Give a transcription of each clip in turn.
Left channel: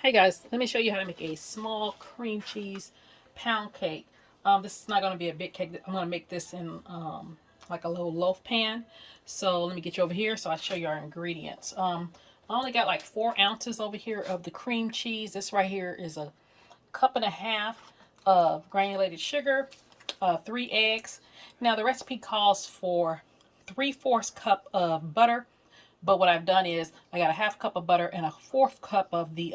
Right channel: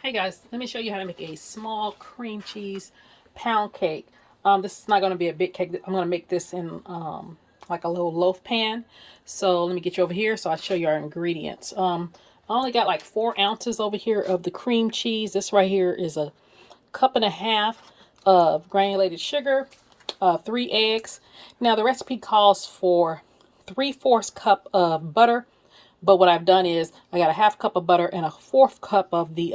Hey guys, let me show you how to make a small cream cheese pound cake. This is not going to be a big cake. I'm going to make this in like a little loaf pan. So let me get you over here so I'll show you our ingredients. I only got like 4 ounces over here of the cream cheese. This right here is a cup and a half of granulated sugar, 3 eggs. Now the recipe calls for 3/4 cup of butter. But what I've done is I got a half cup of butter and a 1/4 cup of the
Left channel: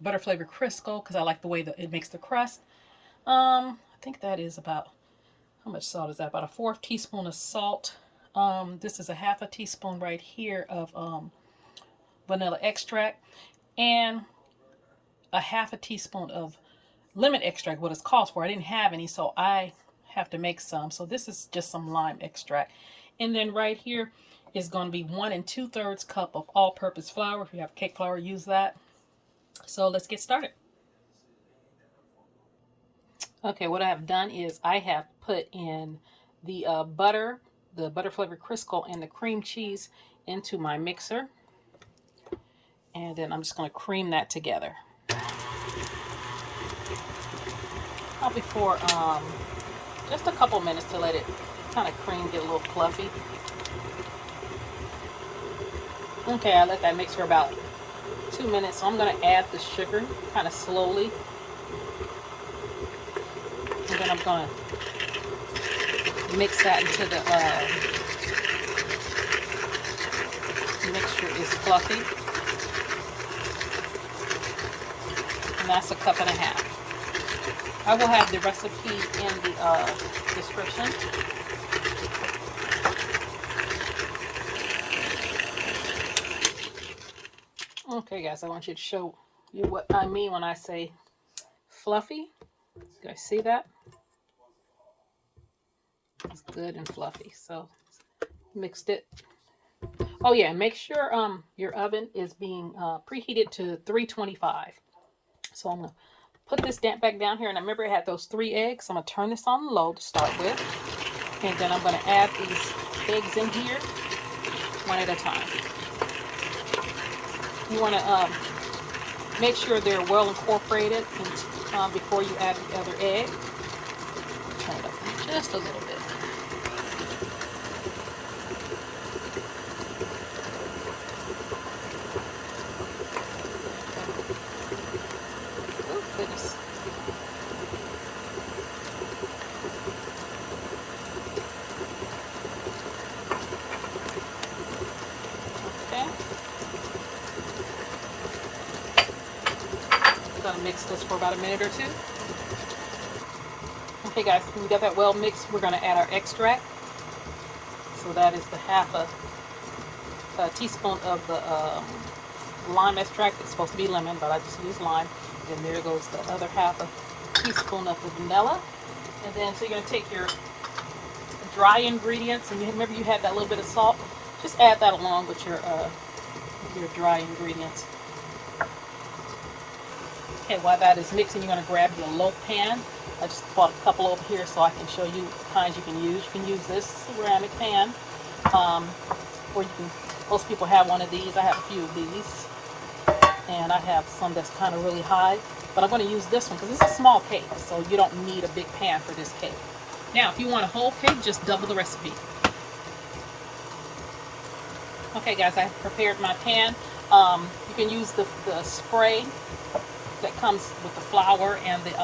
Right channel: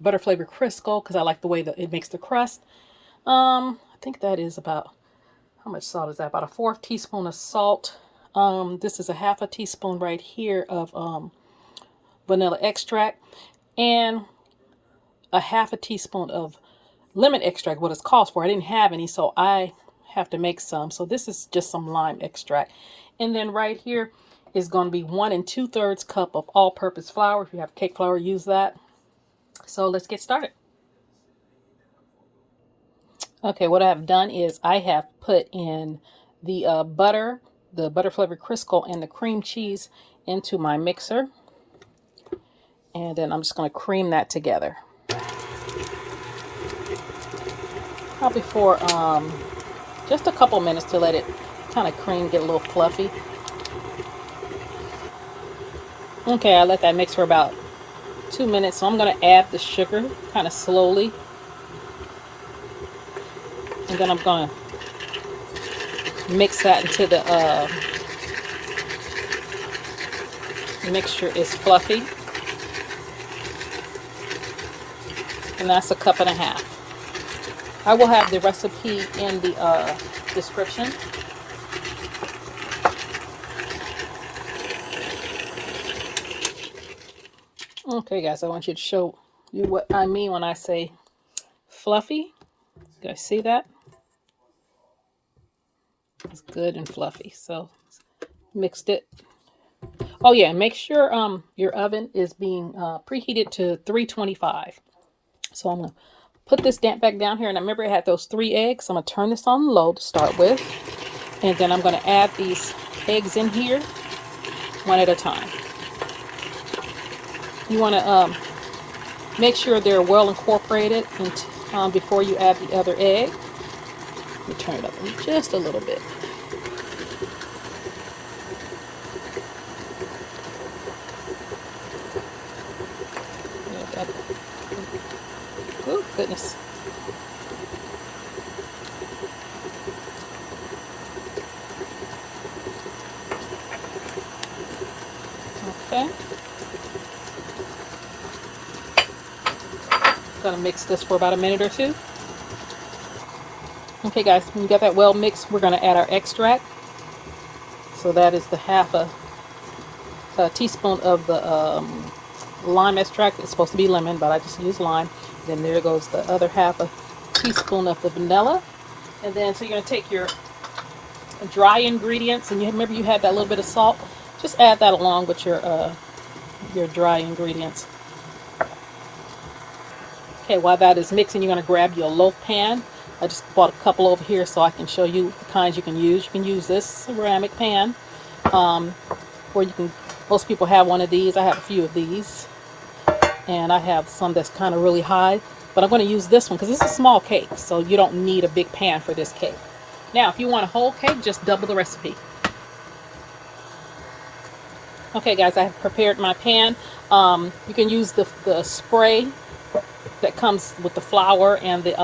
butter flavored Crisco because I like the way that it makes the crust. I think that is about, how much salt is that? About a 1/4 teaspoon of salt. This is a half a teaspoon right here of vanilla extract and a half a teaspoon of lemon extract, what it's calls for. I didn't have any, so I have to make some. So this is just some lime extract. And then right here is going to be 1 2/3 cup of all-purpose flour. If you have cake flour, use that. So let's get started. Okay, what I've done is I have put in the butter, the butter flavored Crisco, and the cream cheese into my mixer. And then I'm just going to cream that together. Probably for just a couple minutes to let it kind of cream, get a little fluffy. Okay, I let that mix for about 2 minutes. So I'm going to add the sugar kind of slowly. And then I'm going to mix that until the mixture is fluffy. And that's a cup and a half. I will have the recipe in the description. Okay guys, I want you to show you what I mean when I say fluffy. You guys see that? It's good and fluffy. So mixed it. Oh yeah, make sure your oven is being preheated to 325. So I'm gonna put this back down here, and I remember I had those 3 eggs. So I'm gonna turn this on low to start with, and then I'm gonna add these eggs in here one at a time. You want to make sure they're well incorporated before you add the other egg. We turn it up just a little bit. Oh goodness. Okay. I'm gonna mix this for about a minute or two. Okay guys, when we got that well mixed, we're gonna add our extract. So that is the half a teaspoon of the lime extract. It's supposed to be lemon, but I just use lime. Then there goes the other half a teaspoon of the vanilla. And then so you're gonna take your dry ingredients, and you remember you had that little bit of salt. Just add that along with your dry ingredients. Okay, while that is mixing, you're going to grab your loaf pan. I just bought a couple over here so I can show you the kinds you can use. You can use this ceramic pan, or you can, most people have one of these. I have a few of these, and I have some that's kind of really high, but I'm going to use this one because it's a small cake, so you don't need a big pan for this cake. Now, if you want a whole cake, just double the recipe. Okay guys, I have prepared my pan. You can use the spray that comes with the flour and the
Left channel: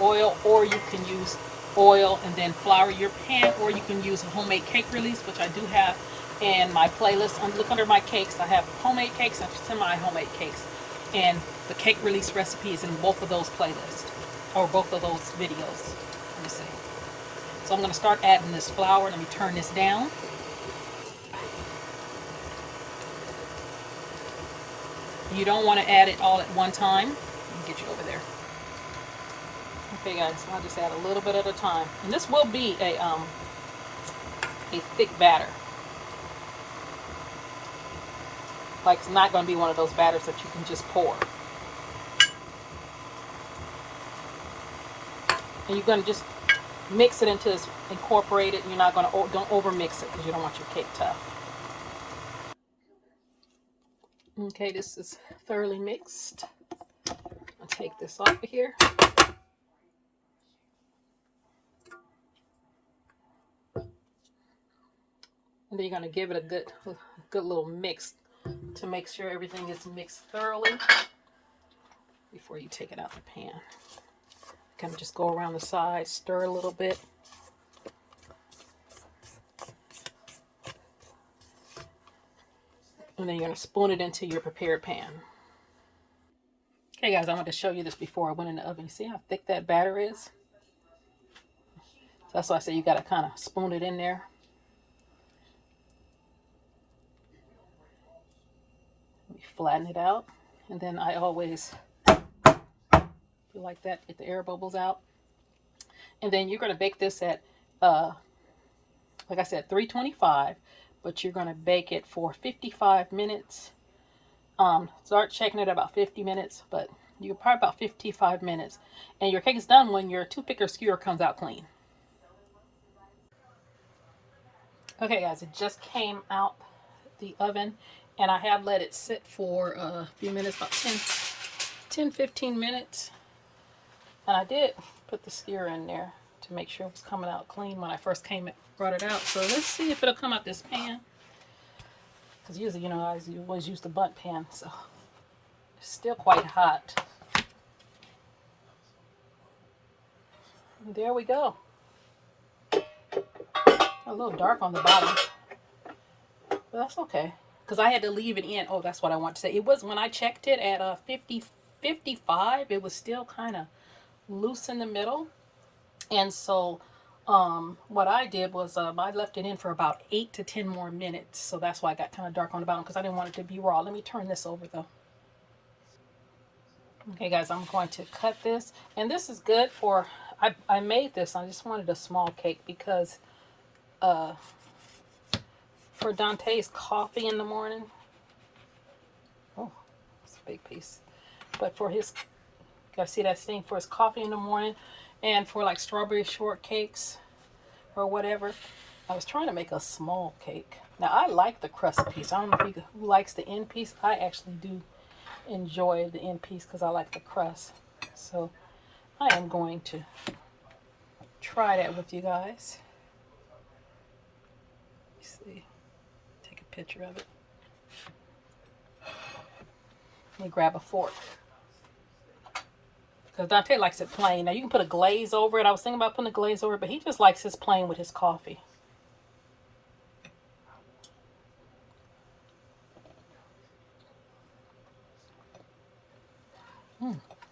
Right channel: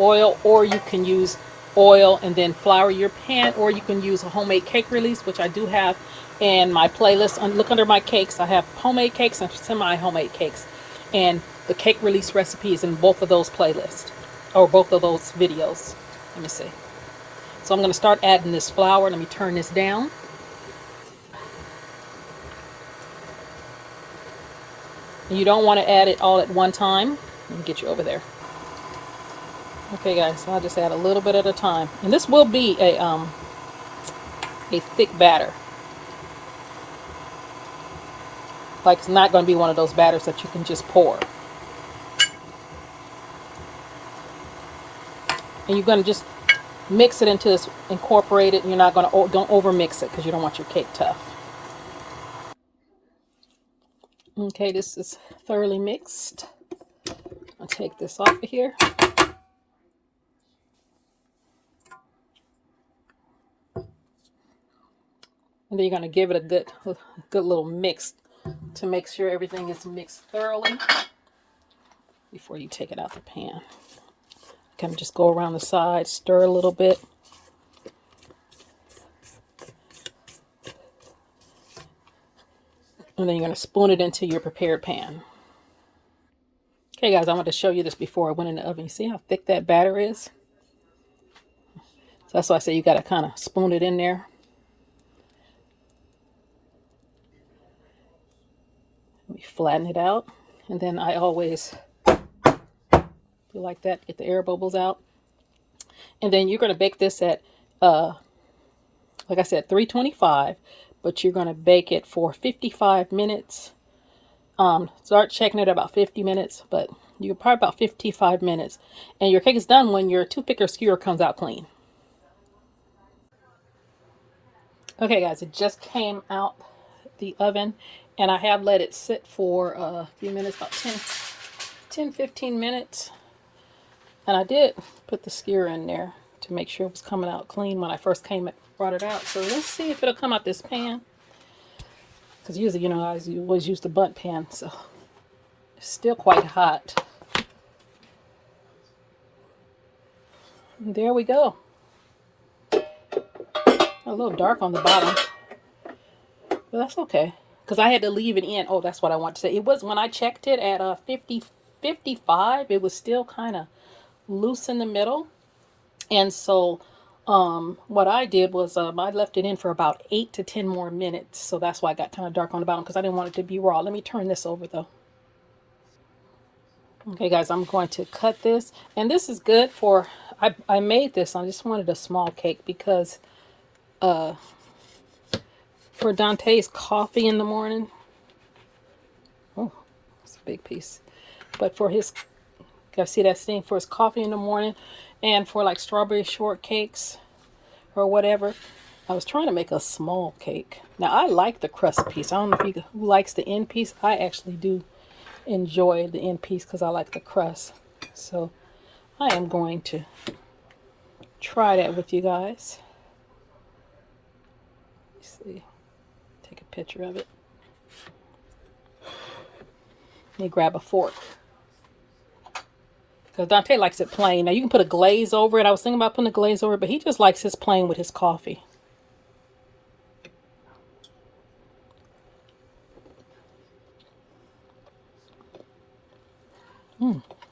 oil, or you can use oil and then flour your pan, or you can use a homemade cake release, which I do have in my playlist. And look under my cakes, I have homemade cakes and semi-homemade cakes, and the cake release recipe is in both of those playlists, or both of those videos. Let me see. So I'm going to start adding this flour. Let me turn this down. You don't want to add it all at one time. Let me get you over there. Okay guys, so I'll just add a little bit at a time. And this will be a thick batter. Like, it's not going to be one of those batters that you can just pour. And you're going to just mix it into this, incorporate it, and you're not going to, don't over mix it because you don't want your cake tough. Okay, this is thoroughly mixed. I'll take this off of here. And then you're going to give it a good little mix to make sure everything is mixed thoroughly before you take it out the pan. Kind of just go around the sides, stir a little bit. And then you're going to spoon it into your prepared pan. Okay guys, I wanted to show you this before I went in the oven. You see how thick that batter is? So that's why I say you got to kind of spoon it in there. Let me flatten it out. And then I always do like that, get the air bubbles out. And then you're going to bake this at, like I said, 325, but you're going to bake it for 55 minutes. Start checking it about 50 minutes, but you're probably about 55 minutes. And your cake is done when your toothpick or skewer comes out clean. Okay guys, it just came out the oven and I have let it sit for a few minutes, about 10-15 minutes. And I did put the skewer in there to make sure it was coming out clean when I first brought it out. So let's see if it'll come out this pan. Because usually, you know, I always use the bundt pan, so it's still quite hot. And there we go. A little dark on the bottom, but that's okay. Because I had to leave it in. Oh, that's what I want to say. It was, when I checked it at 55, it was still kind of loose in the middle. And so what I did was I left it in for about 8 to 10 more minutes. So that's why I got kind of dark on the bottom, because I didn't want it to be raw. Let me turn this over though. Okay guys, I'm going to cut this. And this is good for, I made this, I just wanted a small cake because for Dante's coffee in the morning. Oh, it's a big piece. But for his, gotta see that stain, for his coffee in the morning, and for like strawberry shortcakes or whatever. I was trying to make a small cake. Now I like the crust piece. I don't know if who likes the end piece. I actually do enjoy the end piece because I like the crust. So I am going to try that with you guys. Let's see. Take a picture of it. Let me grab a fork. Because Dante likes it plain. Now you can put a glaze over it. I was thinking about putting a glaze over it, but he just likes his plain with his coffee.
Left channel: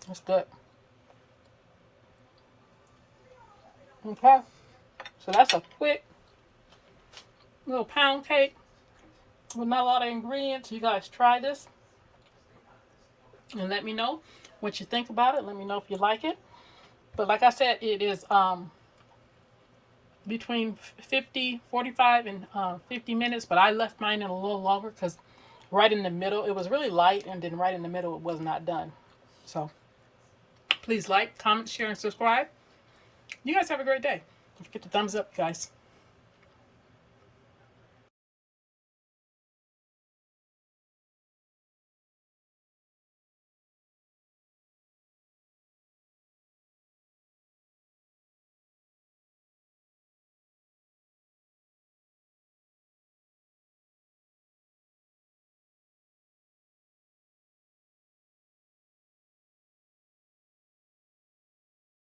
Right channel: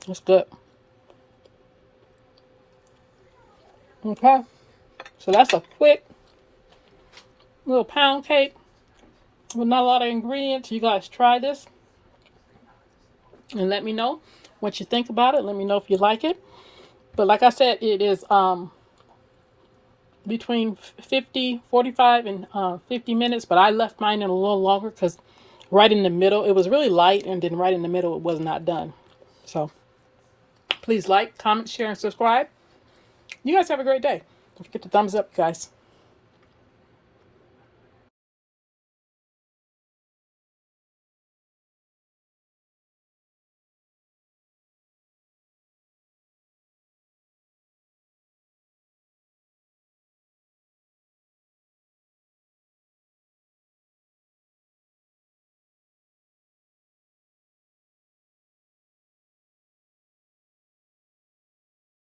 That's good. Okay. So that's a quick little pound cake with not a lot of ingredients. You guys try this and let me know what you think about it. Let me know if you like it. But like I said, it is between 45 and 50 minutes, but I left mine in a little longer because right in the middle it was really light, and then right in the middle it was not done. So please like, comment, share, and subscribe. You guys have a great day. Don't forget to thumbs up, guys.